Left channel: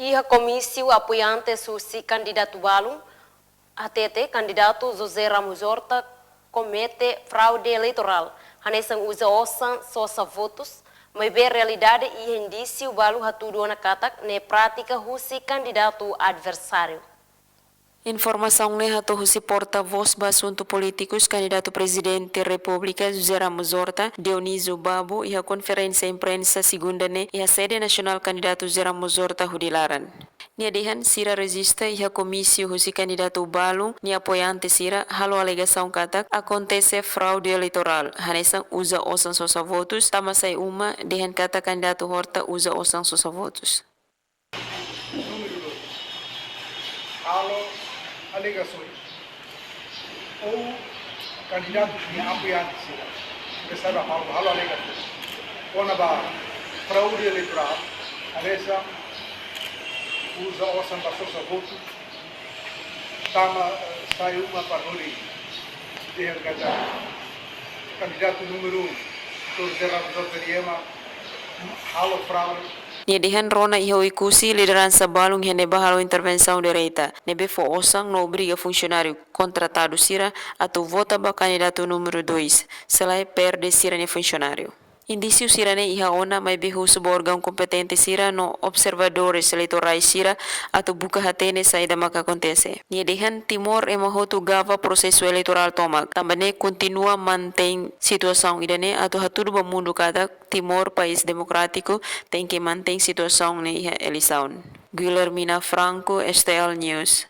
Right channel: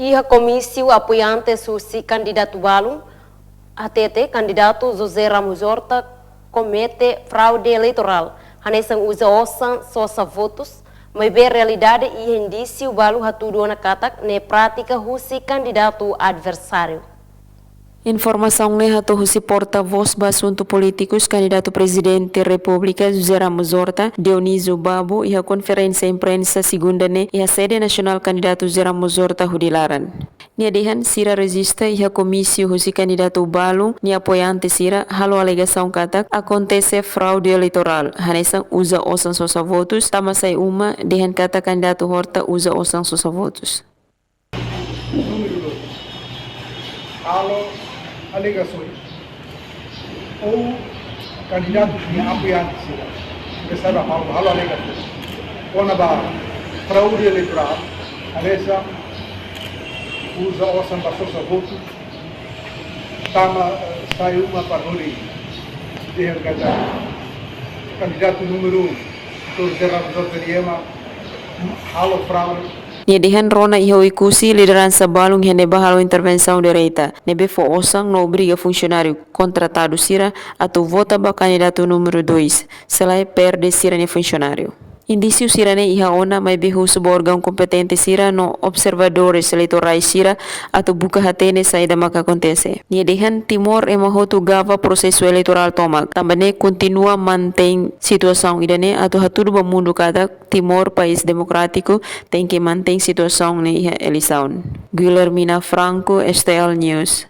Iha comício apoiante susi candidato Balum, ATT, candidato José Ramos Horta, comete fraude eleitoral. Hanesan usa osan sosa votos, mas bem realidade e indício Balu hatudo na katak ne prática husi candidato adversário. Informação lehato husi porta-voz basunto políticos candidato presidente República José Ramos Horta, Dionísio Babo e a conferência imprensa segunda e a sede nacional candidato José Ramos Horta hudilaran. Niadihan sira resista e a comício husi candidato Balu ni apoiante sira halo alegação katak acontece fraude eleitoral. Hanesan usa osan sosa votos, tamasai uma dehan kata candidato Horta usa osan sosa votos. Halo alegações ou candidatos que apoiantes recebem halo alegações quando a fraude eleitoral essa usa o sanbaçosa voto tama sai uma paroli de candidato número 1 José Ramos Horta halo fraude. Niadihan rona iho ikusi liderança balung hene bahalo intervenção direita. Nebe fo osang no obriga funcionário contratado sira atau vota ba candidato número 2. Selai perde sira ne funcionário. Indício sira ne iha ona mai behu sebuah órgão competente sira no observadores eleitorais sira atau buka hatene saída maka acontece. Niadihan Timor emahotu gava processo eleitoral tomak. Tambane continua mantém situação idane atau hatudu bamundo kada Timor país democrático tem que mantém situação ne iha eleição. Guilhermina Franco, STL News.